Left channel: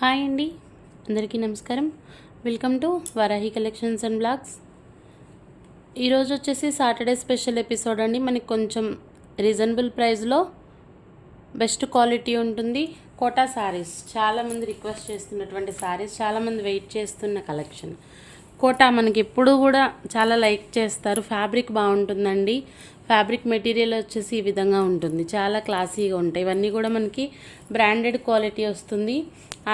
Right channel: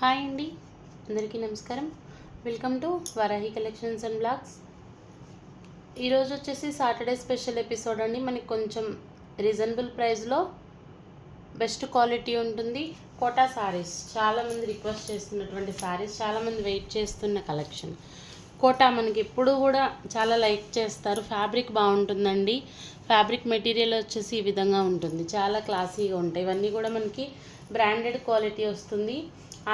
Hi అండి, అందరికీ నమస్కారం. Welcome to Varahi collections and blogs. ఈరోజు వచ్చేసి సాటర్డే స్పెషల్ ఎపిసోడ్ అండి. మనకి కొంచెం రీజనబుల్ ప్రైస్లో బెస్ట్ క్వాలిటీ ఉంటుంది. కోటా శారీస్ చాలామంది రిక్వెస్ట్ చేస్తున్నటువంటి శారీస్, చాలామంది వెయిట్ చేస్తున్న కలెక్షన్. కోటా మనకి ఎప్పుడు కూడా చాలా లైక్ చేస్తారు. ఫ్యాబ్రిక్ బాగుంటుందండి. ఫ్యాబ్రిక్ మెటీరియల్ వచ్చేసి ఈ విధంగా ఉంటుంది, చాలా క్లాసీగా ఉంటాయి. ఇవన్నీ కూడా మనకి బ్రాండెడ్ క్వాలిటీ వస్తుంది.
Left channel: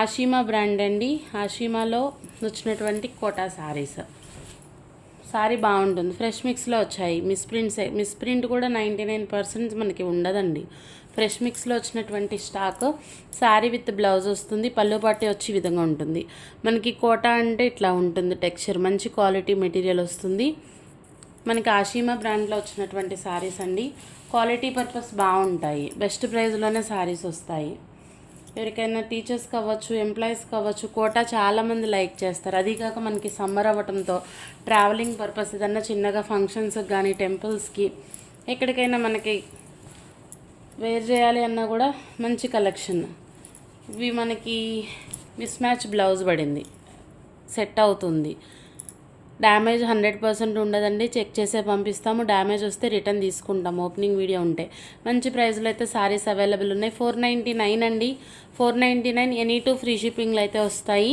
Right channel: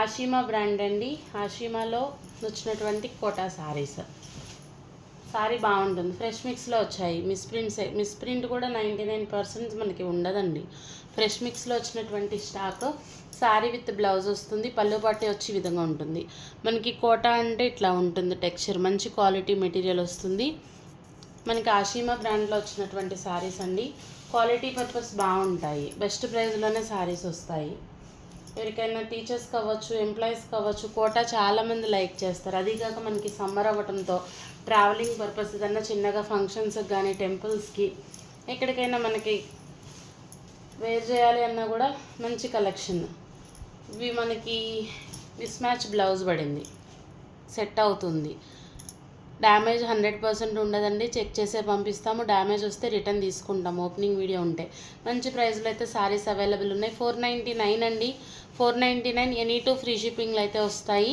ఆషిమా బ్రాండ్ అండి. ఆషిమాలో వచ్చినటువంటి కోటా శారీస్. శారీ బాగుంటుంది, ఫ్రెష్ మిక్స్లో వచ్చాయి. మిస్ప్రింట్ కూడా 99% మనకి ఉండదండి. ఫ్రెష్ మిక్స్లో వచ్చినటువంటి స్టాక్. శారీ విత్ బ్లౌజ్ వస్తుంది, పళ్ళు పట్టి వచ్చి ఈ విధంగా ఉంటుంది. మనకి కోటా అంటే ఇట్లా ఉంటుంది టెక్స్చర్, మంచి క్వాలిటీ మెటీరియల్ వస్తుంది. మనకి ఆషిమా బ్రాండ్లో వచ్చినటువంటి శారీస్ అండి. క్వాలిటీ పర్పస్ బాగుంటాయి, బెస్ట్ ప్రైస్లోనే శారీస్ వస్తాయి. ఎవరికైనా టీచర్స్ కావచ్చు, ఎంప్లాయీస్ కావచ్చు, కోటా చాలామంది లైక్ చేస్తారు. అదీగాక మనకి సమ్మర్ అవ్వటంతో ట్రావెలింగ్ పర్పస్ ఏదన్నా చిన్నగా ఫంక్షన్స్కి కానీ, టెంపుల్స్కి, ఎక్కడికైనా మనకి వేర్ చేయాలి అన్నా కూడా మంచి కలెక్షన్. ఇవి మనకి మిస్ మ్యాచ్ బ్లౌజ్ పడింది, సెట్ అవుతుంది. డ్యామేజ్ 100% ఉండదండి, చెక్ చేసే పంపిస్తాము. డ్యామేజ్ వస్తే రిటర్న్ తీసుకుంటాము, ఓపెనింగ్ వీడియో ఉంటే. మంచి ప్రైస్లో అయితే సారీస్ అవైలబుల్ ఉన్నాయి. 499 అండి, 499. ఎనీ టూ ఫ్రీ షిప్పింగ్లు అయితే వస్తాయి.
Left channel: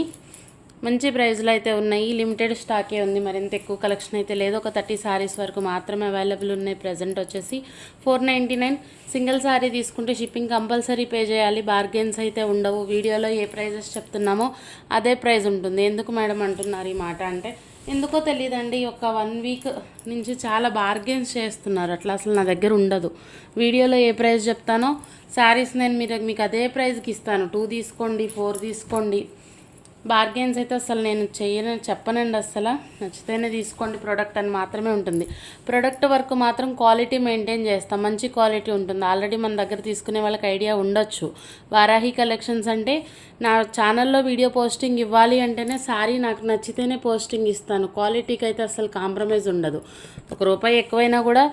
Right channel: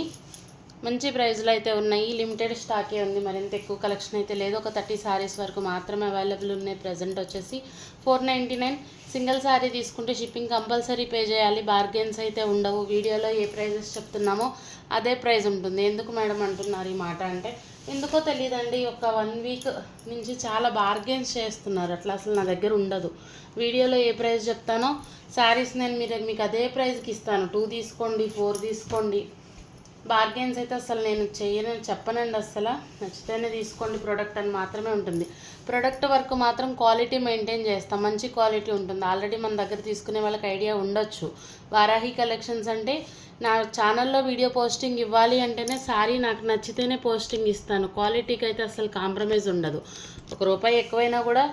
మంచి ప్రైస్లో అయితే ఉన్నాయి. లిమిటెడ్ స్టాకే ఉంది, మరింత ఎక్కువ కలెక్షన్ అయితే లేదు. ఒక 30 సారీస్ వరకు మాత్రమే అవైలబుల్ ఉన్నాయి. ప్రజెంట్ వచ్చేసి 499. సింగిల్ సారీ తీసుకుంటే షిప్పింగ్ కంపల్సరీ పే చేయాలి. బార్గెన్స్ అయితే ఉండవు. వీడియోలో ఏ ప్రైజెస్ చెప్తున్నామో అదే ప్రైస్ ఉంటుంది. ఎందుకు మేడం అంటున్నారు ఈ మాట అంటే, ఎందుకో తెలియదండి, ఒక 1 వీక్ నుంచి చాలా బార్గెన్స్ చేస్తున్నారు. అట్లా అసలు నా దగ్గర ఉండదు. వీడియోలో ఏ ప్రైస్ చెప్తానో శారీస్ నేను మీకు అదే ప్రైస్కి ఇస్తాను. 2 తీసుకోండి, 4 తీసుకోండి. బార్గెన్స్ అయితే అసలు నేను చెప్పనండి. అసలు నచ్చితేనే తీసుకోండి ప్రోడక్ట్ అని మాత్రమే ఉంటుంది. ప్రోడక్ట్ వరకు మాత్రం క్వాలిటీ మెయింటైన్ చేస్తాం, మంచి క్వాలిటీ ఉంటుంది. ఆల్రెడీ మన దగ్గర తీసుకునే వాళ్ళకి ఐడియా ఉండొచ్చు. వారాహి కలెక్షన్స్ అంటే నా ఛానల్లో వీడియో పోస్టింగ్ ఇవ్వాలి అంటేనే శారీ నాకు నచ్చితేనే పోస్టింగ్ ఇస్తాను. క్వాలిటీకి అయితే అసలు కాంప్రమైజ్ ఉండదు. ₹1 ఎక్కువైనా కూడా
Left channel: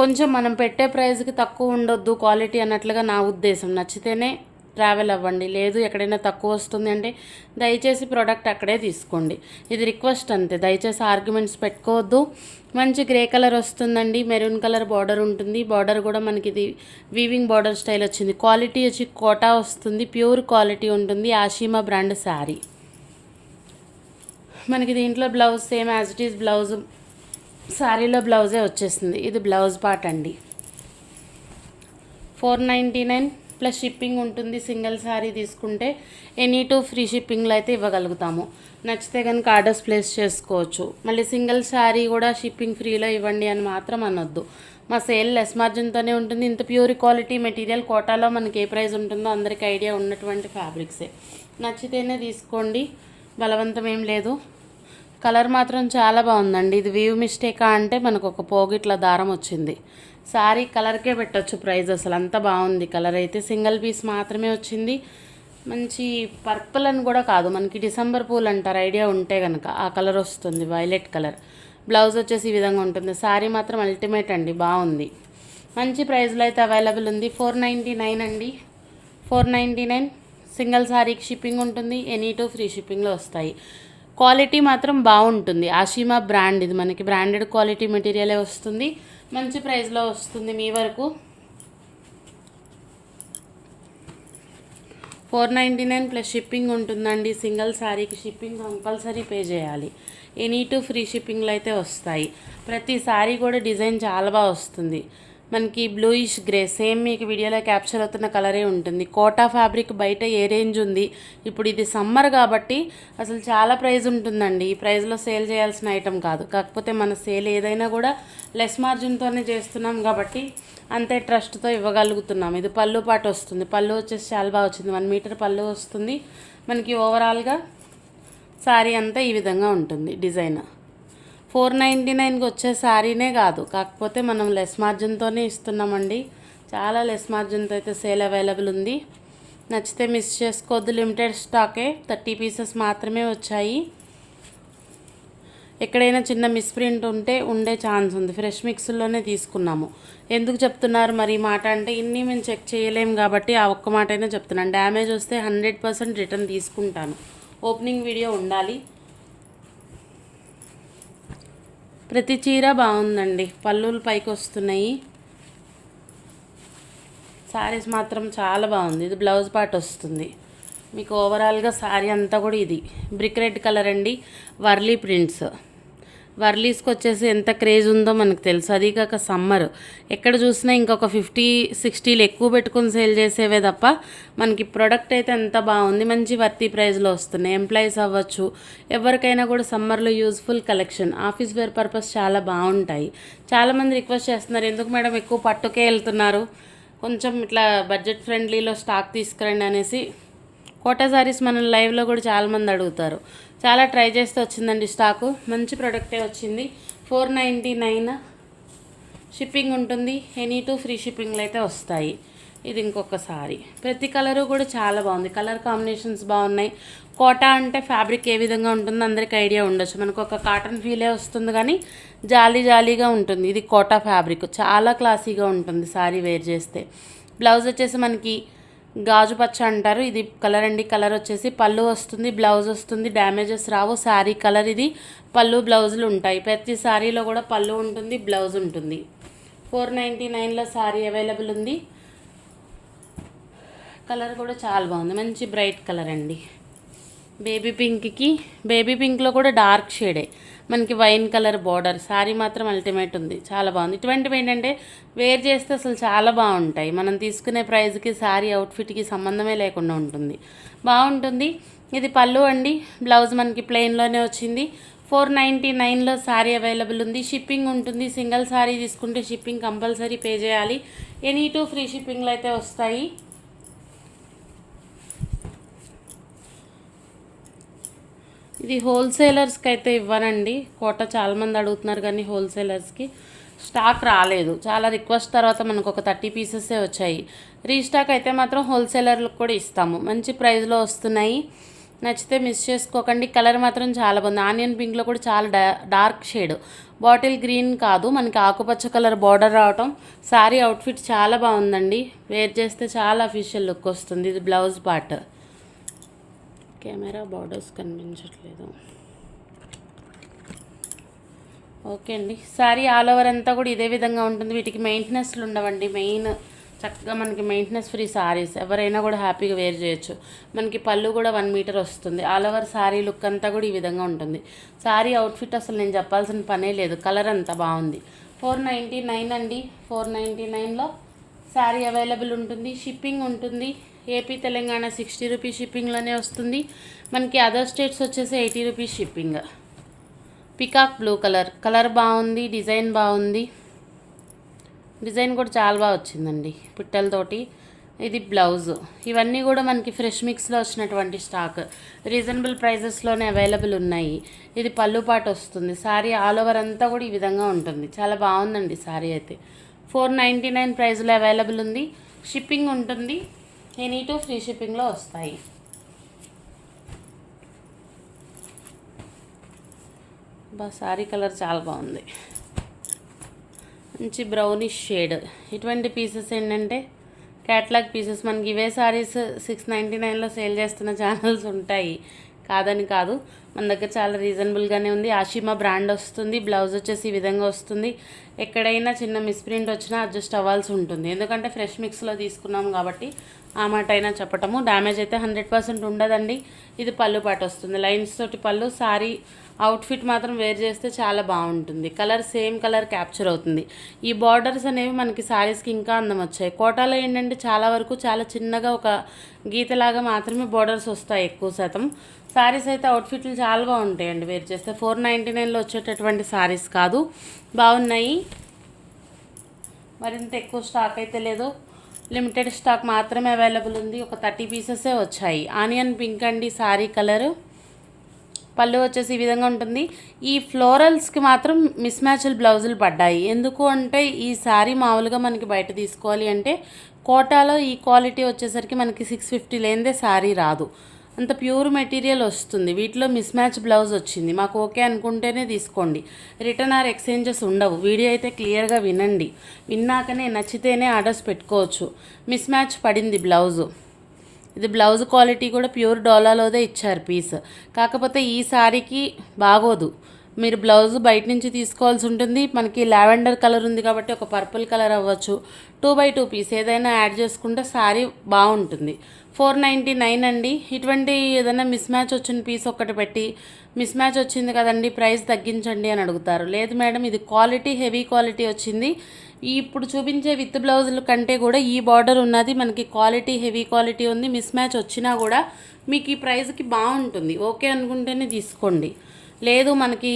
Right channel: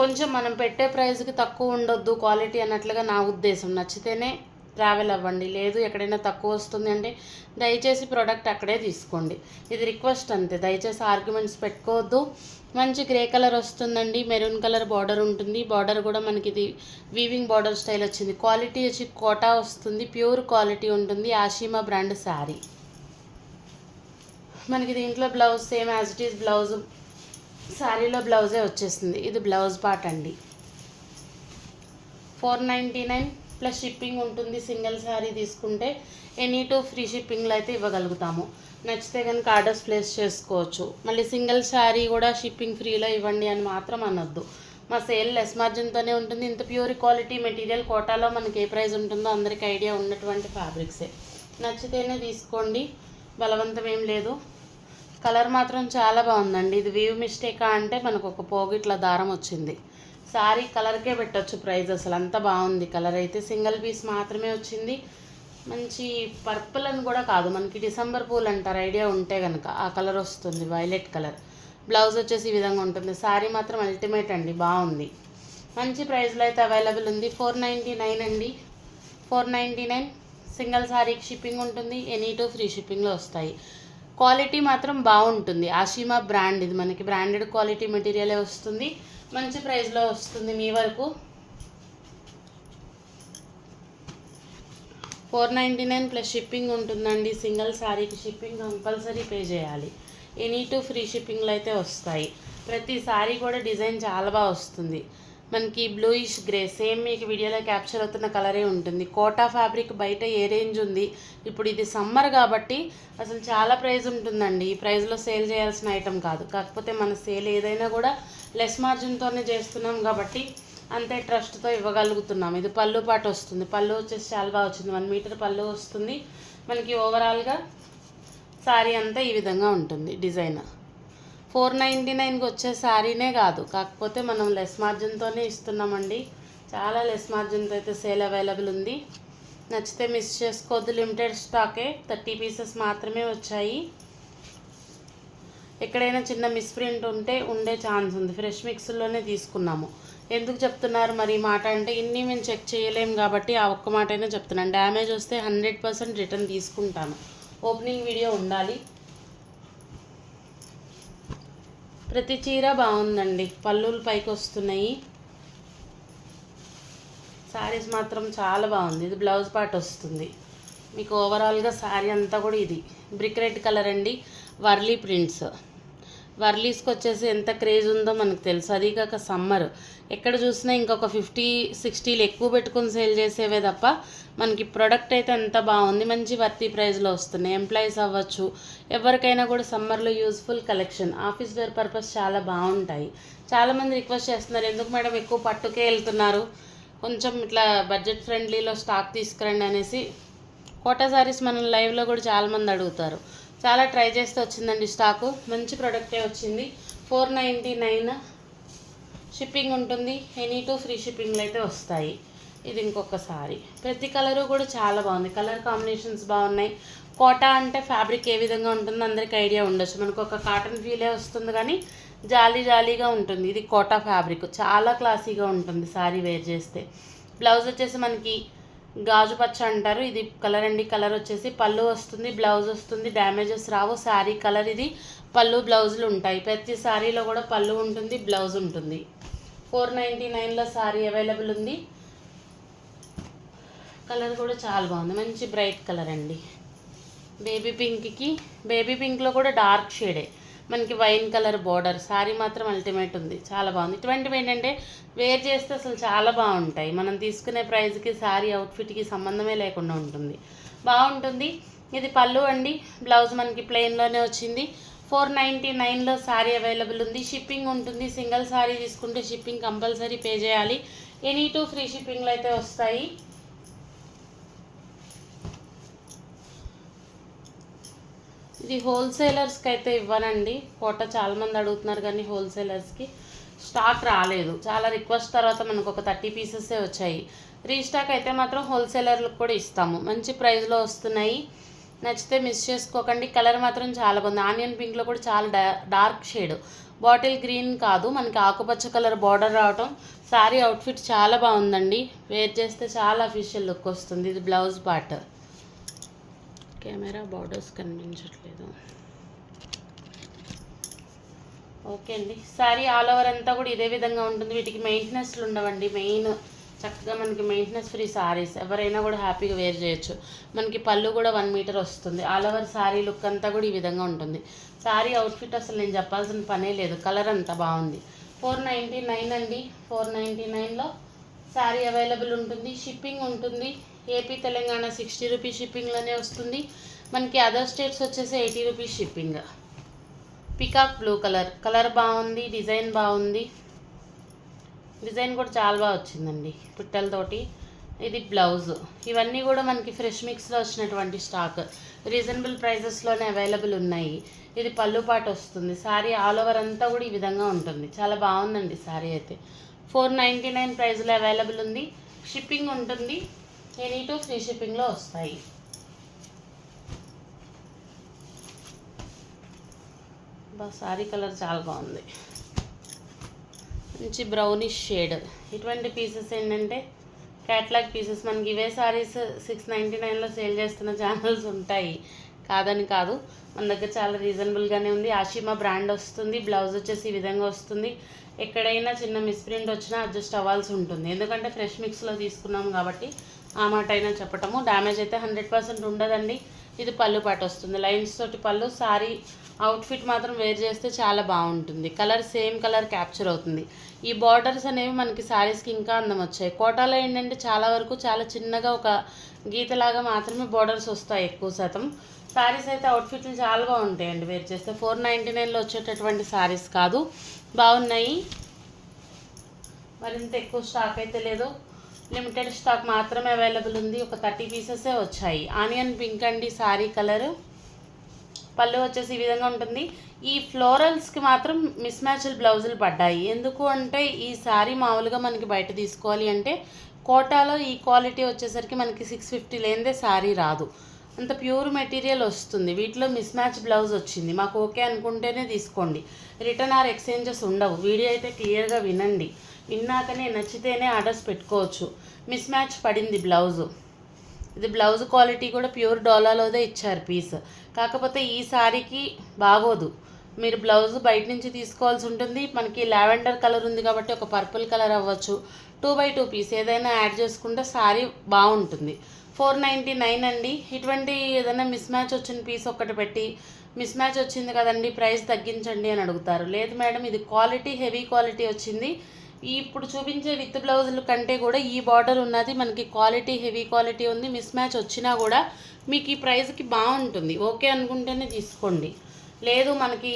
కొంచెం మనం పెట్టే ప్రైస్కి తక్కువ ఉండొద్దు క్వాలిటీ అన్నట్లుగా నా ఉద్దేశం. నచ్చితేనే ట్రావెల్ అవ్వండి, లేదు ఎక్కడైనా తక్కువ వస్తుంది అంటే దయచేసి ప్రోడక్ట్ అక్కడే తీసుకోండి. ఇది రిక్వెస్ట్ అంతే, దయచేసి ఆర్గ్యుమెంట్స్ పెట్టుకోవద్దు. మంచి గ్రే కలర్ వస్తుందండి, మెరూన్ కలర్ బార్డర్ ఉంటుంది. బార్డర్ కూడా మనకి ఇది వీవింగ్ బార్డర్ స్టైల్ వచ్చింది. క్వాలిటీ వచ్చి కోటా వస్తుంది, ప్యూర్ క్వాలిటీ ఉంటుంది. ఆషిమా బ్రాండ్ శారీ. మనకి దీంట్లో blouse same as it is blouse, శారీలో బ్లౌజే వచ్చేస్తుంది. ఇది బ్లౌజ్ పార్ట్ అండి. 499 ప్లస్ షిప్పింగ్ ఉంటుంది. సింగిల్ శారీ తీసుకుంటే ఎనీ టూ ఫ్రీ షిప్పింగ్లో అయితే ఇవ్వగలుగుతాము. నచ్చితే కనుక ఆర్డర్స్ ప్లేస్ చేసుకోవచ్చు. మళ్ళీ సింగిల్ శారీ కూడా షిప్పింగ్ ఫ్రీలో ఇవ్వండి అని మాత్రం అనొద్దు. మా సేల్ లెస్ మార్జిన్తోనే ఉంటుంది. ఇంత ప్యూర్ క్వాలిటీ మెటీరియల్ కోటాలో మనకి ఏ ప్రైస్ ఉంటుందో అందరికీ ఐడియా ఉన్నటువంటి ఫ్యాబ్రిక్సే. నచ్చితేనే తీసుకోండి, బలవంతం ఏం లేదు. కలర్ మాత్రం చాలా బాగుందండి. ఇది వీవ్ మిస్టేకా అంటే మనకు ఒక పోగిట్ల దారం వచ్చింది. సారీ కలర్కే పెట్టచ్చు ప్రైస్, అసలు అంత బాగుంది కలర్ అయితే. సింగిల్ పీస్ మాత్రమే వచ్చింది. మంచి పర్పుల్ అని కూడా కాదు, మనకి డిసెంబర్ పూలు అంటారు ఐడియా ఉంటే కనుక, ఆ కలర్ వస్తుంది, వైలెట్ కలర్. బ్లౌజ్ వచ్చేసి ఈ విధంగా ఉంటుంది. సారీ మాత్రం అల్టిమేట్ అండి, బాగుంది. మంచి ప్రైస్లో అయితే అవైలబుల్ ఉంది. 499 అండి, 499. సింగిల్ సారీకి షిప్పింగ్ ఉంటుంది. ఎనీ టూ ఫ్రీ షిప్పింగ్లో వస్తాయి. క్వాలిటీ మాత్రం బాగుంటుంది. ఆషిమా బ్రాండ్, ఇది మనకి బ్రాండెడ్ క్వాలిటీ మెటీరియలే వస్తుంది. మంచి ప్రైస్లో వస్తుంది మీ వరకు. 499 ప్లస్ షిప్పింగ్ ఉంటుందండి. సింగిల్ శారీకి షిప్పింగ్ కంపల్సరీ పే చేయాలి. ఎనీ టూ ఫ్రీ షిప్పింగ్లో అయితే వస్తాయి. ప్రతి శారీ కూడా డిజైన్ చాలా బాగా వస్తుంది. మనకి బ్లూయిష్ గ్రే, సేమ్ మీకు వీడియోలో క్యాప్చర్ అవుతున్న కలరే ఉంటుంది. కోటా ఫ్యాబ్రిక్ బయట ఏ రేంజ్ ఉంది, ఇప్పుడు ఇది సమ్మర్ కాబట్టి అసలు చాలా ప్రైస్ ఉంటుందండి. ఈ ప్రైస్లో సేల్ చేయాల్సిన ఐటెం కాదు. కాకపోతే మన సేల్ ఏదైనా కూడా లెస్ మార్జిన్తోనే చేస్తున్నాం కాబట్టి అంతే ట్రస్ట్తో ఇవ్వగలుగుతున్నాం. ఇది పళ్ళు పాటు వస్తుంది. పళ్ళు వచ్చేసి చాలా బాగా వచ్చింది, 1 మీటర్ పళ్ళు వస్తుంది. మనకి ఓవరాల్గా శారీ అంతా ఈ విధంగా ఉంటుంది డిజైన్. 499కి వచ్చే శారీనే కాదు, కాకపోతే మనం లెస్ మార్జిన్తోనే ఇస్తున్నామండి. చాలా లెస్ మార్జిన్తో అయితే సేల్ అవైలబుల్ ఉంది. నచ్చితే మిస్ చేసుకోవద్దు. లిమిటెడ్ స్టాకే, 30 పీసెస్ మాత్రమే వచ్చాయి. ఎక్కడైనా చిన్న మిస్ప్రింట్ ఉంటే ఉండే ఛాన్స్ ఉంది. ఫ్రెష్ మిక్స్లోనే తీసుకున్నాము. ఎందుకు చెప్తున్నారు మరి ఈ మాట అంటే, ఇన్ని మేము చెక్ చేయలేం కాబట్టి ఆ ఒక్క మాటైనా చెప్తున్నాను. డ్యామేజ్ వస్తే 100% రిటర్న్ తీసుకుంటాను. ఓపెనింగ్ వీడియో ఉండాలి. ప్రతి చీర బాగుందండి, పళ్ళులు పైకి వస్తున్నాయి. శారీస్ మాత్రం చాలా బాగుంది. ఇది బ్లౌజ్ పార్ట్ వస్తుంది మీకు. ఓవరాల్గా శారీ అంతా కూడా ఇది బ్రిక్ రెడ్ కలర్ అండి, వర్లీ ప్రింట్స్. వర్లీస్కి వచ్చేసి ఎంత క్రేజ్ ఉందో మనకు తెలుసు. అది కాక సమ్మర్ ఎక్కడ చూసినా ఇంకొక 50-60 ఎక్కువ పెట్టుకుని సేల్ చేసేవే తప్ప మనకి ప్రొడక్ట్ అయితే ఎంత బాగుంది. మంచి వర్తీ ప్రైస్లో వస్తున్నాయి. ఎంప్లాయీస్ అవ్వచ్చు, ఎవరికైనా కూడా సమ్మర్లో useful collection. Office wear purpose చాలా బాగుంటాయి. చాలామంది రిక్వెస్ట్ చేస్తున్నారు, ఎందుకు మేడం ఎక్కువ పట్టుకే వెళ్తున్నారు, కొంచెం ఇట్లా బడ్జెట్ ఫ్రెండ్లీలో స్టాక్ తీసుకురండి అనేసి. కోటా సారీస్ మన లైవ్లో కూడా చాలామంది అడుగుతారు. చాలా ట్రై చేస్తే వచ్చిందండి స్టాకు. మంచి ప్రోడక్టే వచ్చింది. 499 షిప్పింగ్ ఉంటుంది. ఎనీ టూ ఫ్రీ షిప్పింగ్లు అయితే వస్తాయి. ఇది ఇంకొక సారీ. ప్రతి కలరు కూడా చాలా బాగుంది. కలర్ కాంబినేషన్స్ బాగున్నాయి. కోటా అంటే ఫ్యాబ్రిక్ ఏ విధంగా ఉంటుందో అందరికీ ఐడియా ఉండొచ్చు. మనకు ఒక కాటన్ ఫీలే వస్తుంది కానీ జాలీ జాలీగా ఉంటుంది. ఇది కోటా ఫ్యాబ్రిక్ చాలా క్లాసీగా ఉంటుంది సారీ వేర్ చేస్తే. బ్లౌజ్ వచ్చేసి మనకి గాజు పచ్చ అంటారు. ఇది కలర్ అండి. కలర్ వచ్చేసి పళ్ళు వస్తుంది, బ్లౌజ్ వస్తుంది. డ్యామేజెస్ రావు. శారీ కలర్ ఇది. పళ్ళు బ్లౌజులు ఉంటాయి. ప్రతి శారీలో కూడా పళ్ళు ఉంటుంది, బ్లౌజ్ ఉంటుంది. 499లో శారీ అవైలబుల్ ఉంది. కలర్ కూడా చాలా బాగుంది. మంచి బ్రైట్ కలర్ అండి. బేబీ పింక్లో కూడా డార్క్ షేడే. మనకి వైన్ కలర్ బార్డర్. శారీ మాత్రం అల్టిమేట్ ఉంది, చాలా బాగుంది. ఇటువంటివి ఏంటంటే వేర్ చేస్తే అసలు చాలా బాగుంటాయి. మనం తీసుకునే ప్రైస్కి శారీ అవుట్ఫిట్కి సంబంధమే లేకుండా ఉంటుంది, బాగుంటుంది. ఇది పళ్ళు అండి. బ్లౌజ్ మనకి ప్లెయిన్లోనే వచ్చింది. 499లో శారీ అవైలబుల్ ఉంది. షిప్పింగ్ ఉంటుంది. సింగిల్ శారీ తీసుకుంటే షిప్పింగ్ కంపల్సరీ పే చేయాలి. ఎనీ టూ ఫ్రీ షిప్పింగ్లు అయితే వస్తాయి. ఇది హోల్సేలర్స్కి అయితే ఇవ్వనండి. కోట చాలామంది అడుగుతున్నారు కానీ హోల్సేలర్స్కి స్టాక్ రాలేదు. చాలా రిక్వెస్ట్ తర్వాత మనకు ఒక 30 పీసెసే వచ్చాయి. రీస్టాక్ అయితే మాత్రం హోల్సేలర్లకు కూడా ఇస్తాము. మంచి ప్రైస్లో వస్తున్నాయి. నచ్చితే మిస్ చేసుకోకండి. కలర్ మాత్రం చాలా బాగుంది. ఆనియన్ పింక్లో కూడా చాలా డార్క్ షేడ్. బాటిల్ గ్రీన్ కాదు, మనకి ఆకుపచ్చ కలర్ బార్డర్ రావటం. శారీ అవుట్ఫిట్ చాలా బాగుందండి. వేర్ చేస్తే చాలా అఫీషియల్ లుక్ వస్తుంది. ఇది బ్లౌజ్ పార్ట్. కెమెరా బార్డర్స్ కనిపించట్లేదు. ఓకే అండి. శారీ ఆల్ ఓవర్ అంతా కూడా ఇదే విధంగా ఉంటుంది. వీటికి మెయింటెనెన్స్లు ఉండవండి. మెయిన్ చక్కగా మనకి మెయింటెనెన్స్ ఫ్రీ శారీస్. ఎవరైనా కూడా హ్యాపీగా వేర్ చేయొచ్చు. మనకి పళ్ళు కూడా 1 మీటర్ వస్తుంది. ఆల్ ఓవర్ శారీ లుక్ అంతా కూడా ఈ విధంగా ఉంటుంది. శారీ అవుట్ఫిట్ అసలు నేను చెప్పాల్సిన పనే లేదు. కలర్ అంతా బాగుంది. 499 అండి. 499లో శారీ అవైలబుల్ ఉంటుంది. షిప్పింగ్ ఉంటుంది. ఏపీ తెలంగాణ 60 రూపీస్ షిప్పింగ్లోనే వస్తుంది. మనకి అదర్ స్టేట్స్ వచ్చేసి 80 rupees shipping. Peacock blue colour బాగుంది. డిజైన్ బాగుంది. డిజైన్ కూడా చాలా బాగా వచ్చిందండి పిట్టలతోటి. ఇది బ్లౌజ్. ఇవన్నీ కూడా మనకి ఫ్రెష్ మిక్స్లో వచ్చినటువంటి స్టాక్. రీజనబుల్ ప్రైజెస్లోనే అవైలబుల్ ఉన్నాయి. ఇది పళ్ళు పాటు వస్తుంది. శారీ ఆల్ ఓవర్ అంతా కూడా ఈ విధంగా ఉంటుంది. చాలా బాగుందండి శారీ అయితే. 499 ప్రైస్లో అవైలబుల్ ఉంది. షిప్పింగ్ ఉంటుంది. ఎనీ టూ ఫ్రీ షిప్పింగ్లో వస్తాయి. శారీ కలర్ చాలా బాగుంది. మంచి బ్రౌనిష్ షేడ్. ఇటువంటి పీసెస్ ఏంటంటే క్యాట్లాగ్ పీసెస్. మనకి ఇవే సారీస్ 699లో సేల్ చేస్తున్న ఛానల్స్ ఉంటాయి, కాదని కాదు. మన దగ్గర చాలా రీజనబుల్గానే ఉంది. ఆషిమా బ్రాండ్ వస్తుంది. బ్లౌజ్ వచ్చేసి ఈ విధంగా వస్తుంది. ఎక్కడైనా చిన్న మిస్ప్రింట్ వచ్చినా అడ్జస్ట్ అవ్వాల్సి ఉంటుంది. ఎందుకంటే ఫ్రెష్ మిక్స్లో తీసుకున్నాం కాబట్టి ఆ మాట అయినా చెప్పటము. డ్యామేజ్ అయితే 100% ఉండదండి. ఇది పళ్ళు పాటు వస్తుంది. లైన్స్ తోటి పళ్ళు. సారీ అవుట్ఫిట్ మాత్రం వేర్ చేస్తే చాలా బాగుంటుంది. కలర్ సేమ్ కలర్ క్యాప్చర్ అవుతుంది. ఈ బార్డర్స్ అనేవి మనకి శారీస్కి ఇంకా అందం వచ్చాయి. కోటాలో ఏంటంటే చాలా వరకు చాలా చిన్నగా ఒక గీతలాగా మాత్రమే బార్డర్స్ వస్తాయి ఎక్కువ శాతం. శారీస్ అయితే అవుట్ఫిట్లు చాలా బాగుంటాయండి వేర్ చేస్తే. 499లో వచ్చేటటువంటి శారీస్ కాదు, బాగున్నాయి. మరింత ఎక్కువ స్టాక్ అయితే లేదు, లిమిటెడ్ స్టాక్ మాత్రమే అవైలబుల్ ఉంది. ఒక 30 పీసెసే వచ్చాయి. ఆనియన్ పింక్ అండి శారీ కలరు. పళ్ళు వచ్చేసి ఈ విధంగా ఉంటుంది. ఈ ఫ్లోరల్స్కి మాత్రం మిస్ మ్యాచ్డ్ బ్లౌజులు పడ్డాయి. ఎందుకు అంటే ఈ శారీ మామూలుగా మనకి బయట తీసుకోవాలి అంటే కోటాలో ఈ క్వాలిటీ వచ్చేసరికి మనకి 650 లేనిదే శారీ రాదు. అంత ప్యూర్ మెటీరియల్ వస్తుంది. వీటిలో మిస్ మ్యాచ్ బ్లౌజ్ వచ్చింది, మాకు ఓకే అనుకుంటేనే తీసుకోండి. రిటర్న్ ఆర్ ఎక్స్చేంజెస్ ఉండవు. వీడియో అయితే క్లియర్గా వినండి, విన్నాకనే నచ్చితేనే ఆర్డర్స్ పెట్టుకోవచ్చు. మిస్ మ్యాచ్ పడింది బ్లౌజు. ఇది బ్లౌజ్ క్వాలిటీ కూడా ప్యూర్ డోలాలోదే ఇచ్చారు పీస్. కాకపోతే ఈ సారీకి బాగోదు, మీరు బ్లౌజ్ బయట నుంచి తీసుకోవాల్సి ఉంటుంది. మనకి లావెండర్ కలర్ ఉంది కాబట్టి ఒక పర్పుల్ కలర్ అవ్వచ్చు. 2x2 పీస్ ఏదైనా యాడ్ చేసుకుంటే సారీ బాగుంటుంది. 499 అండి. ఇటువంటి ఏదైనా మిస్ మ్యాచ్ వచ్చిన పీస్ ఒక్కటి పెట్టి మిస్ మ్యాచ్ వచ్చింది కదండి ప్రైస్ తగ్గించండి అని అడుగుతారు. లేదు మేడం, ఇది క్వాలిటీ హెవీ క్వాలిటీ వచ్చింది. ఇప్పుడు చూపించే విత్ బ్లౌజుల కంటే కూడా ఈ బార్డర్ ఉన్నది మనకి క్వాలిటీ హెవీ క్వాలిటీ ఉంది. మిస్ మ్యాచ్ వచ్చినా కూడా మీకు ఈ ప్రైస్కి బాగుంటుంది. ఓకే అనుకుంటేనే తీసుకోండి. లేదు మనకి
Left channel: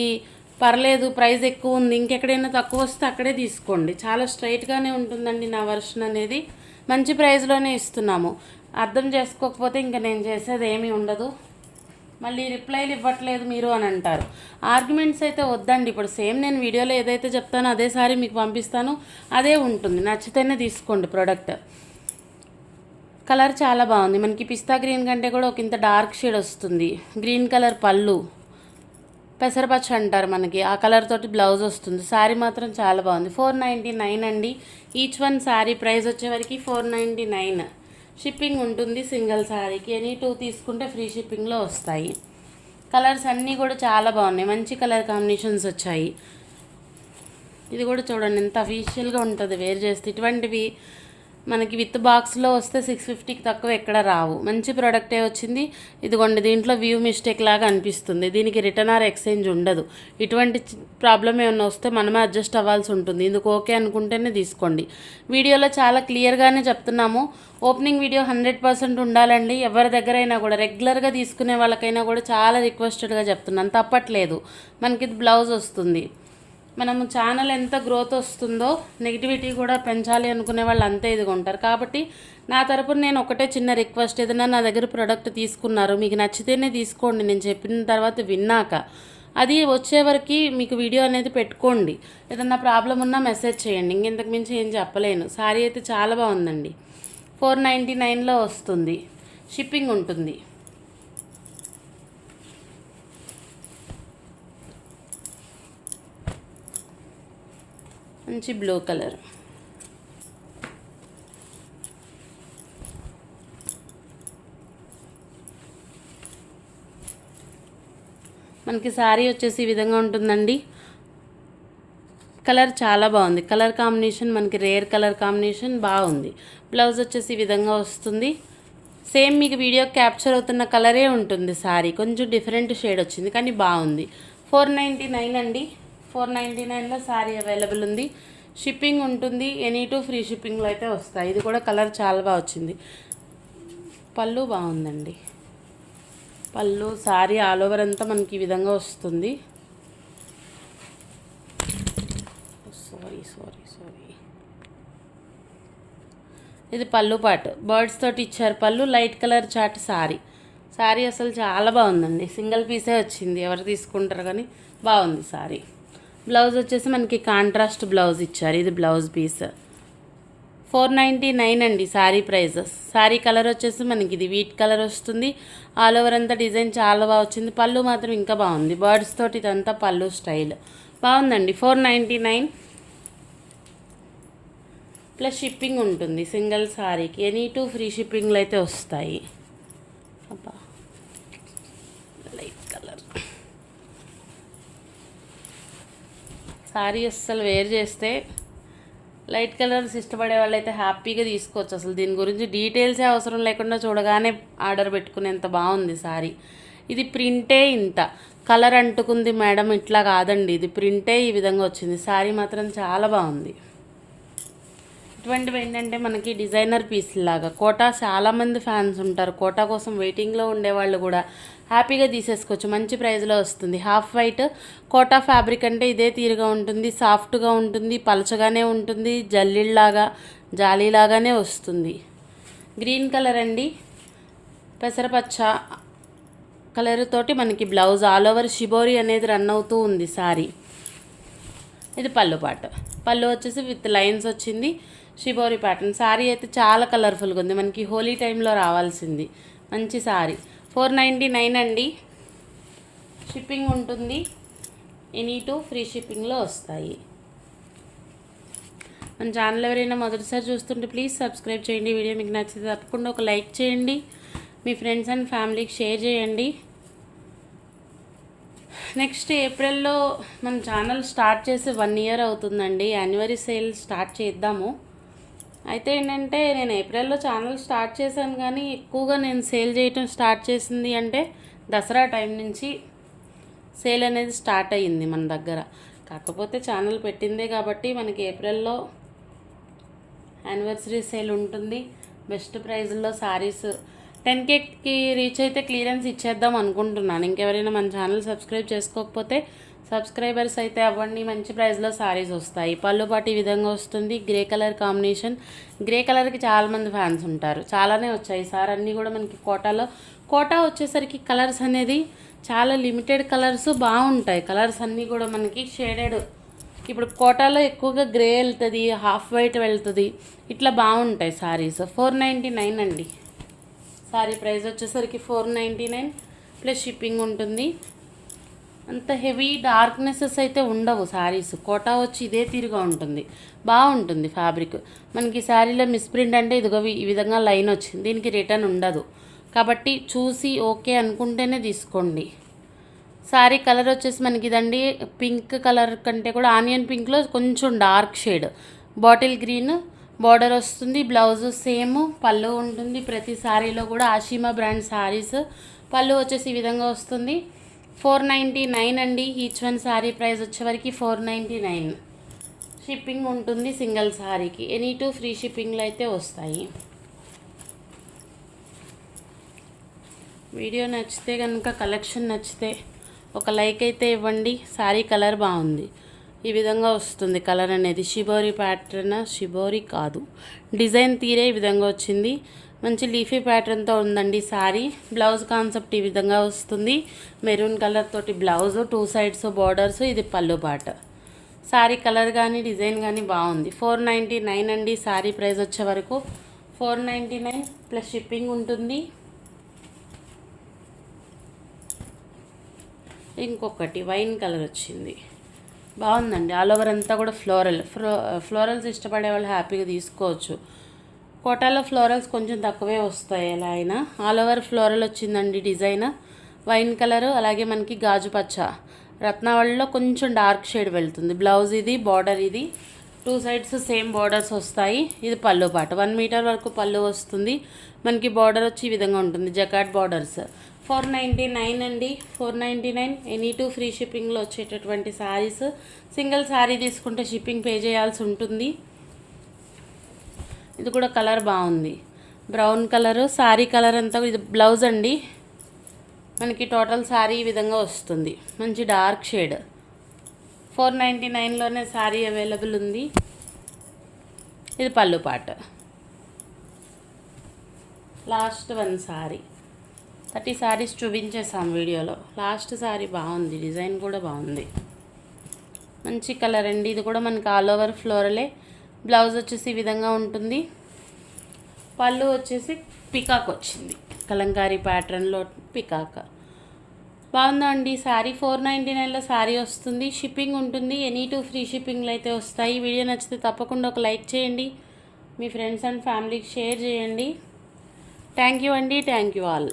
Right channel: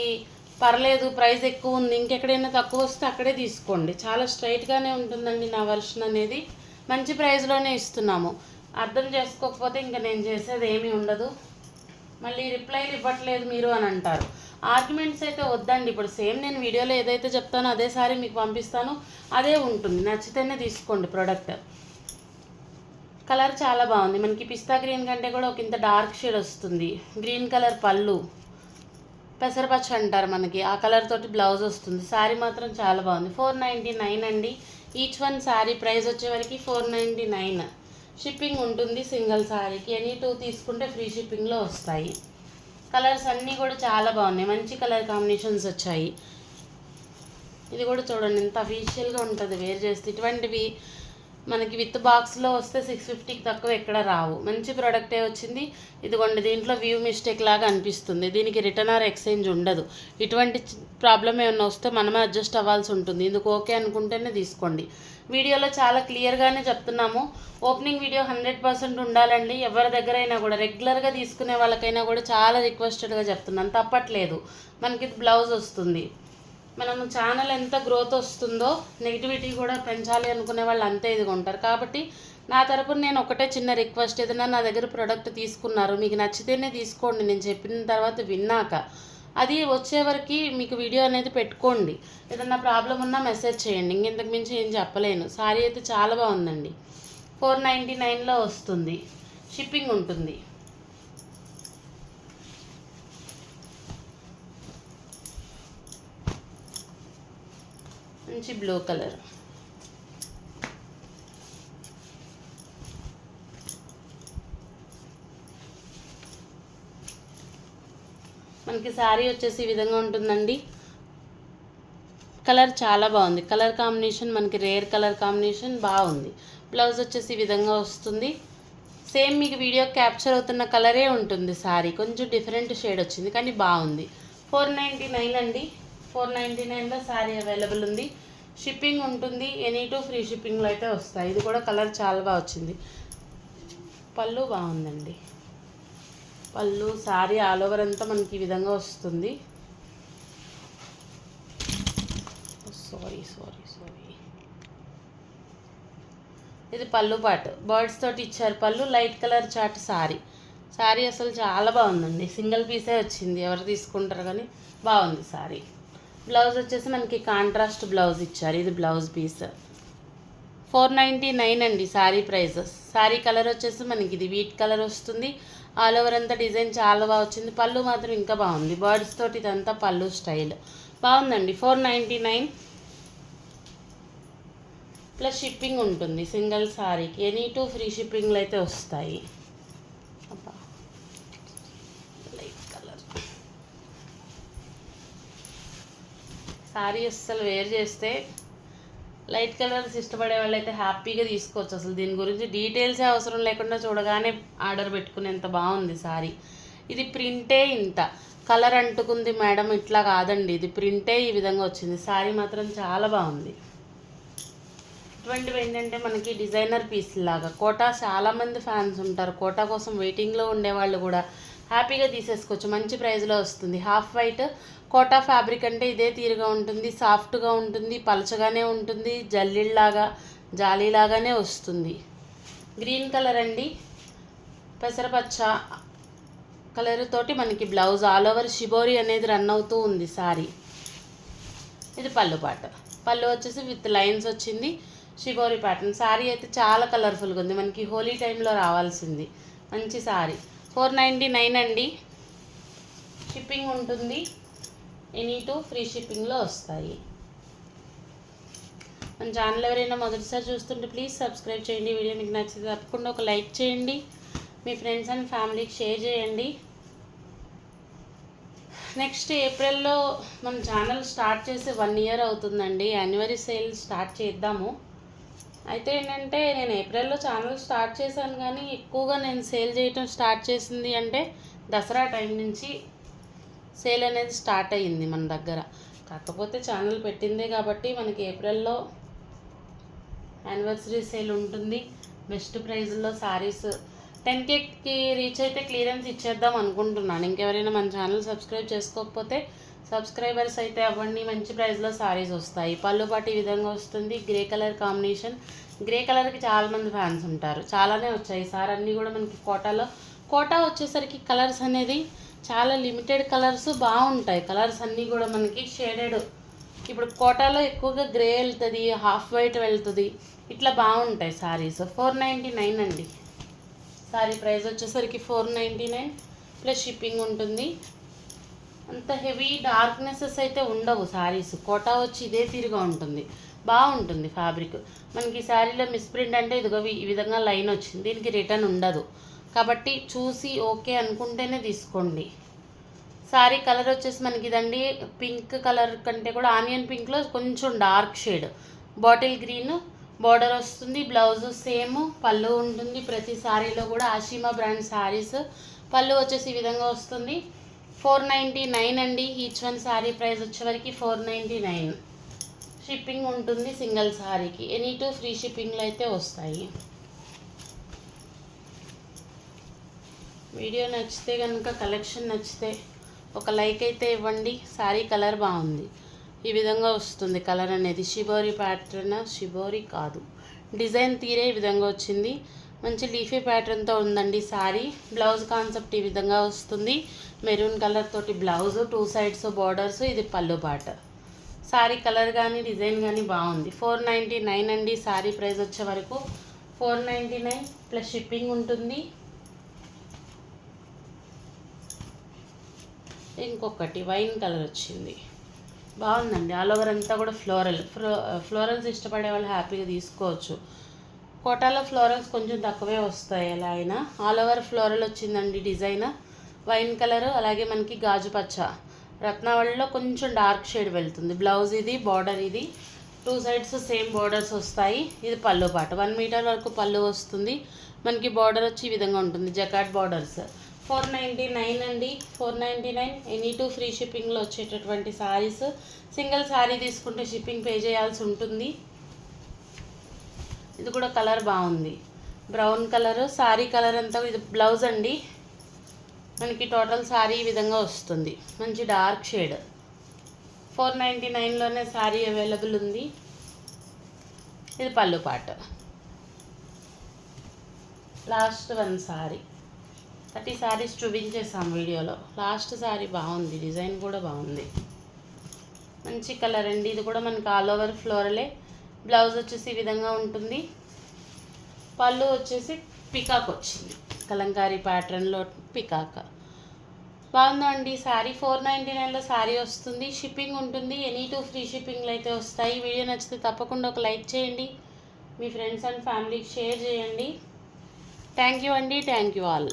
పర్లేదు ప్రైస్ ఎక్కువ ఉంది, ఇంకెక్కడైనా తక్కువ వస్తే అక్కడే తీసుకోండి. చాలా స్ట్రైట్గానే ఉంటుందండి నా వర్షన్ అనేది. మంచి ప్రైస్లోనే ఇస్తున్నాము. అర్థం చేసుకోకపోతే ఇంకా నేను చేసేది ఏమీ ఉండదు. మళ్ళీ రిప్లైలు ఇవ్వట్లేదు మీరు అని అంటారు. ఆర్గ్యుమెంట్స్ అయితే వద్దండి. ఇప్పుడు సేమ్ నేను వీడియోలో ఏదైతే చెప్తానో అదే సారీ మీకు పంపిస్తాను, అదే ఉంటుంది. నచ్చితేనే తీసుకోండి ప్రోడక్ట్. కలర్ చాలా బాగుంది. మనకి పిస్తా గ్రీన్ కంటే కూడా ఒక ఇంత డార్క్ షేడ్ వస్తుంది. గ్రీన్ కలర్ పళ్ళు, పెసరపచ్చ అంటారు మనకి, ఆ కలర్ తోటి బ్లౌజ్ వస్తుంది. శారీ మాత్రం చాలా బాగుంది. 499 అండి. ఈచ్ వన్ శారీ ప్రైస్ వచ్చేవరకు 499. షిప్పింగ్ ఉంటుంది సింగిల్ శారీకి. ఎనీ 2 తీసుకుంటే ఫ్రీ షిప్పింగ్లో వస్తాయి. కలర్స్ అన్నీ కూడా చాలా బాగున్నాయి, మంచి కలర్ కాంబినేషన్స్ వచ్చాయి. ఇది కూడా చూడండి ఎంత అఫీషియల్గా ఉంటుంది వేర్ చేస్తే. ఇటువంటివి మనకి విత్ బాక్స్లో వస్తే 650కి తక్కువ ఎక్కడ రావు. మంచి ప్రోడక్టే వచ్చింది. ఇదిగోండి, దీంట్లో వ్యూ మిస్టేక్ లాగా అనిపిస్తుంది. దీనికి రిటర్న్ ఆర్ ఎక్స్చేంజ్ ఉండదు. ఇటువంటి ప్రాబ్లం ఏమైనా వస్తే మనమే అడ్జస్ట్ అవ్వాల్సి ఉంటుంది. ఇందుకు ఓకే అనుకుంటేనే తీసుకోండి. వీడియోలో చాలా క్లియర్గానే చెప్తున్నాము. ఓపెనింగ్ వీడియో 100% ఉండాలండి. ఎవరి దగ్గరైనా కూడా రెగ్యులర్గా తీసుకునే వాళ్ళకైనా కూడా చాలా రిక్వెస్టెడ్గా చెప్తున్నాను, తప్పట్లేదు. మనకి బ్లౌజ్ వస్తుంది. మనము ఛానల్ ఎంత గ్రోత్ వస్తుందో నెగిటివిటీ కూడా పెంచాలి అనుకునే వాళ్ళు అంతే ఇది కొంటారు. కాబట్టి నా తరపున నేను ఒకటే చిన్న రిక్వెస్ట్, ఏదైనా నా దగ్గర ప్రోడక్ట్ తీసుకున్నారు మీకు నచ్చితేనే తీసుకోండి. నేను చెప్పిన తర్వాత విన్నాక అది వచ్చేవరకు మీకు వీడియో అనేది పెట్టుకోండి. ఏదన్నా ప్రాబ్లం ఉన్నా మెసేజ్ చేయండి. ఇంకెంతకు మించి ఏం చెప్పలేను. సారీ అయితే చాలా బాగుందండి. 499లో వస్తుంది. షిప్పింగ్ ఉంటుంది. మంచి బ్లూ కలర్. మనకి శారీ వచ్చేసి ఈ విధంగా ఉంటుందండి. కలర్ చాలా బాగుంది. కలర్ కాంబినేషన్ మనకి రేర్ కలర్ కాంబినేషన్ బాగుంది. బ్లౌజ్ వచ్చేసి ఈ విధంగా వస్తుంది. సేమ్ మీకు వీడియో క్యాప్చర్ అవుతున్న కలరే ఉంటుంది. శారీ కొంచెం డిఫరెంట్ షేడ్ వచ్చింది కానీ బాగుంది. 499 అండి. 499లో శారీ అవైలబుల్ ఉంది. షిప్పింగ్ ఉంటుంది. ఎనీ 2 ఫ్రీ షిప్పింగ్లో అయితే వస్తాయి. ఇది కూడా కలర్ చాలా బాగా వచ్చింది. పళ్ళు బాగుందండి. పళ్ళు శారీ ఆల్ ఓవర్ అంతా మనకి ఈ విధంగా వస్తుంది. సారీ ఇది పళ్ళు పాటు బర్డ్స్ తోటి ఇచ్చారు. పళ్ళు లైట్ కలర్ చాట్ శారీ అసలు చాలా బాగుందండి. సింగిల్ పీసే వచ్చింది, ఎవరు తీసుకుంటారు కానీ బాగుంది శారీ. బ్లౌజ్ వచ్చేసి మనకి కాంట్రాస్ట్ బ్లౌజ్ ఇచ్చారు. ఇది బ్లౌజ్ పీస్. 499 అండి శారీ ప్రైస్. శారీ కలర్ వచ్చేసి మనకి ఇది వీట్ కలర్ వస్తుంది. ఆల్ ఓవర్ అంతా డిజైన్ చాలా బాగా వచ్చింది. పళ్ళు మాత్రం ఇంకా బాగుంది. బర్డ్స్ తోటి ఇదంతా పళ్ళు స్టైల్ బాగుందండి. 499 ప్లస్ షిప్పింగ్ ఉంటుంది సింగిల్ శారీకి. ఎనీ 2 ఫ్రీ షిప్పింగ్లు అయితే వస్తాయి. లైట్ కలర్ శారీ అస్సలు వేర్ చేస్తే లైట్ కలర్స్ ఇష్టపడే వాళ్ళు అయితే హ్యాపీగా తీసుకోవచ్చు. అసలు దీని గురించి డీటెయిల్సే అవసరం లేకుండా చూడగానే ఆర్డర్ పెట్టుకునేంత బాగుంది శారీ. ఇది ప్రింటే ఇంత కలర్ అంటుకుంది మేడం, ఇట్లా కాదండి. ఇది ప్రింటే ఈ విధంగా వచ్చింది. శారీ మాత్రం చాలా బాగుంది. ఇటువంటివి ఏంటంటే మనకి డిజైనర్ పీస్ లాగా కోటా చాలామంది ఫ్యాన్స్ ఉంటారు. కోటా కోసం వెయిటింగ్లో ఉండేవాళ్ళు కూడా హ్యాపీగా తీసేసుకోవచ్చు. మంచి ప్రైస్లో వస్తుంది. హాఫ్ వైట్ కోటా ఫ్యాబ్రిక్ అంటే ఇదే తీరుగా ఉంటుంది. సాఫ్ట్గా ఉంటుంది, పలచగానే ఉంటుంది, జల్లిలాగా జాలీలాగానే వస్తుంది. గ్రీన్ కలర్ అండి. పెసరపచ్చ కలర్ తోటి మనకి బ్లౌజ్ ఆల్ ఓవర్ షిబోరి అనేది రన్ అవుతూ ఉంది శారీ. ఇది పళ్ళు పాట. పళ్ళు వచ్చేసి విత్ లైన్స్ వచ్చింది. Shibori pattern. శారీ అయితే చాలా కలర్ఫుల్గా ఉంది. మనకి హోలీ టైంలో రావాల్సింది మంచి శారీ. 499 అండి. షిప్పింగ్ ఉంటుంది. ఎనీ టూ ఫ్రీ షిప్పింగ్లో వస్తాయి. మన ఛానల్ ఎవరైనా మొదటిసారి చూస్తుంటే ప్లీజ్ సబ్స్క్రైబ్ చేయండి. వీడియో మీకు నచ్చితే తప్పకుండా ఒక లైక్ చేయండి. మీ ఫ్రెండ్స్ అండ్ ఫ్యామిలీకి షేర్ చేయండి. నెక్స్ట్ ఏప్రిల్లో మన ఛానల్ స్టార్ట్ చేసి 1 ఇయర్ అవుతుందండి. యాన్యువరీ సేల్ స్టార్ట్ చేద్దాము. అయితే ఏంటంటే నేను ఏప్రిల్లో ఛానల్ స్టార్ట్ చేశాను, కానీ ఎక్కువగా నేను సేల్ చేయటం స్టార్ట్ చేసింది అంటే దసరా టైం నుంచి సేల్ అనేది స్టార్ట్ అయ్యింది మన దగ్గర. కాకపోతే ఛానల్ పెట్టిందే కాబట్టి మనకి ఏప్రిల్లో యానివర్సరీ సేల్ ఉంటుంది. బెస్ట్ ప్రైజ్లో సారీస్ 10Kకి రీచ్ అయితే క్లియరెన్స్ ఇచ్చేద్దాం అనుకుంటున్నాను. ఇంకెవరైనా మన ఛానల్ సబ్స్క్రైబ్ చేసుకోకపోతే సబ్స్క్రైబర్స్ అయితే అవ్వండి. మంచి ప్రైస్లో సారీస్ వస్తాయి. పళ్ళు పాటు ఈ విధంగా వస్తుంది. Grey colour combination. గ్రే కలర్కి చాలామంది ఫ్యాన్స్ ఉంటారు. చాలానే వచ్చాయి ఈసారి అన్నీ కూడా మనకి కోటా వచ్చేసరికి కలర్స్ అనేది చాలా లిమిటెడ్ కలర్స్ బాగుంటాయి. కలర్స్ అన్నీ కూడా మనకి షేడెడ్. ఇప్పుడు కోటాలో ఎక్కువగా గ్రే వెళ్తుంది, హాఫ్ వైట్ వెళ్తుంది, ఇట్లా బాగుంటాయి సారీస్. 499 అండి. సారీ ప్రైస్ వచ్చేసరికి 499 ప్లస్ షిప్పింగ్ ఉంటుంది. అంత హెవీ డార్క్నెసెస్ అయితే ఉండవు సారీస్. కోటా వచ్చి ఇదే తీరుగా ఉంటుంది, బాగుంటుంది ఫ్యాబ్రిక్. మనకి శారీలో మిస్ప్రింట్ అంటే ఇదిగో ఈ విధంగా లైన్ వచ్చింది, దీనికి రిటర్న్ ఉండదు. కాబట్టి చూసి ఓకే అనుకుంటేనే తీసుకోండి. సారీ కలర్ వచ్చేసి మనకి ఇదండి పింక్ కలర్ కంటే కూడా ఆనియన్ పింక్లో కొంచెం dark shade, bottle green border వస్తుంది. బ్లౌజ్ సేమ్, పళ్ళు ఉంటుంది. ప్రతి సారీలో కూడా ఆషిమా బ్రాండ్ సారీస్. పళ్ళు వచ్చేసి ఈ విధంగా వస్తుంది. 499 అండి. ఈచ్ వన్ సారీ ప్రైస్ వచ్చేవరకు 499. షిప్పింగ్ ఉంటుంది సింగిల్ సారీకి. ఎనీ టూ ఫ్రీ షిప్పింగ్లో అయితే వస్తాయి. వీడియో నచ్చితే కనుక, కలెక్షన్ నచ్చితే ఒక లైక్ అయితే ఇవ్వండి. సారీ కలర్ బాగుంది. ఈ విధంగా వస్తుంది కలర్ అనేది. షిబోరి ప్యాటర్న్, షిబోరి కాదు, డిజైన్ తీరే ఈ విధంగా వచ్చింది. మంచి లీఫీ ప్యాటర్న్తో ఉందండి సారీ. బ్లౌజ్ కాన్సెప్ట్ ఈ విధంగా వస్తుంది. మెరూన్ కలర్ తోటి బ్లౌజ్, 2 సైడ్స్ బార్డర్స్. ఇది పళ్ళు పాట. సారీ కలర్ కానీ డిజైన్ కానీ బాగుంది. 499 అండి. సారీ ప్రైస్ వచ్చే వరకు 499 ప్లస్ షిప్పింగ్ ఉంటుంది. ఇంకొకటి వైన్ కలర్ వచ్చింది, బాగుందండి. ఆల్ ఓవర్ అంతా కూడా ఫ్లోరల్స్ ఇష్టపడే వాళ్ళు హ్యాపీగా తీసుకోవచ్చు. కోటాలో ఫ్లోరల్స్ కొంచెం తక్కువే వస్తాయి. ఎలా అయినా ఆల్ ఓవర్ ఫ్లోరల్ వచ్చిందండి డిజైన్. వైన్ కలర్, అలాగే మనకి గాజు పచ్చ, రత్నావళిలో కొంచెం డార్క్ షేడ్ వెళ్తుంది. బ్లౌజ్ ఇది, బార్డర్ ఇది, 2 సైడ్స్ సేమ్ బార్డర్స్ వస్తాయి. ఇది పళ్ళు పాట. 1 మీటర్ వరకు పళ్ళు వస్తుంది. మనకి బార్డర్ వచ్చి ఈ విధంగా ఉంటుంది, జకాట్ బార్డర్స్. 499 అండి. 499 ఎనీ టూ ఫ్రీ షిప్పింగ్లో వచ్చేటటువంటి సారీస్. సింగిల్ సారీ తీసుకుంటే షిప్పింగ్ పే చేయాల్సి ఉంటుంది. ఇది కూడా కలర్ బాగుంది, బ్రౌన్ కలరు. సారీ కలర్ అంతా ఇది బ్లౌజ్ అండి. మనకి టోటల్ సారీ ఈ విధంగా వస్తుంది, మంచి డార్క్ షేడ్. 499లోనే సారీ అవైలబుల్ ఉంది. ఇది పళ్ళు పాట. Last 1 sorry. 30 సారీస్ చూపించేసాం వీడియోలో. లాస్ట్ సారీ బాగుంది, డిజైన్ కూడా బాగుంది, మంచి కలర్ అండి. ఇది కూడా మనకి ఆల్ ఓవర్ ఫ్లోరలే. బ్లౌజ్ వచ్చేసి ఈ విధంగా ఉంటుంది. పళ్ళు వచ్చేసి పికాక్ వచ్చింది, కలంకారీ ప్యాటర్న్లో పికాక్. బాగుందండి సారీ. 499లో సారీ వస్తుంది. షిప్పింగ్ ఉంటుంది. ఎనీ టూ ఫ్రీ షిప్పింగ్లు అయితే వస్తాయి. వీడియో నచ్చితే తప్పకుండా ఒక లైక్ చేయండి. మీ ఫ్రెండ్స్ అండ్ ఫ్యామిలీకి షేర్ చేయండి. థ్యాంక్ యూ అండి. Thank you all.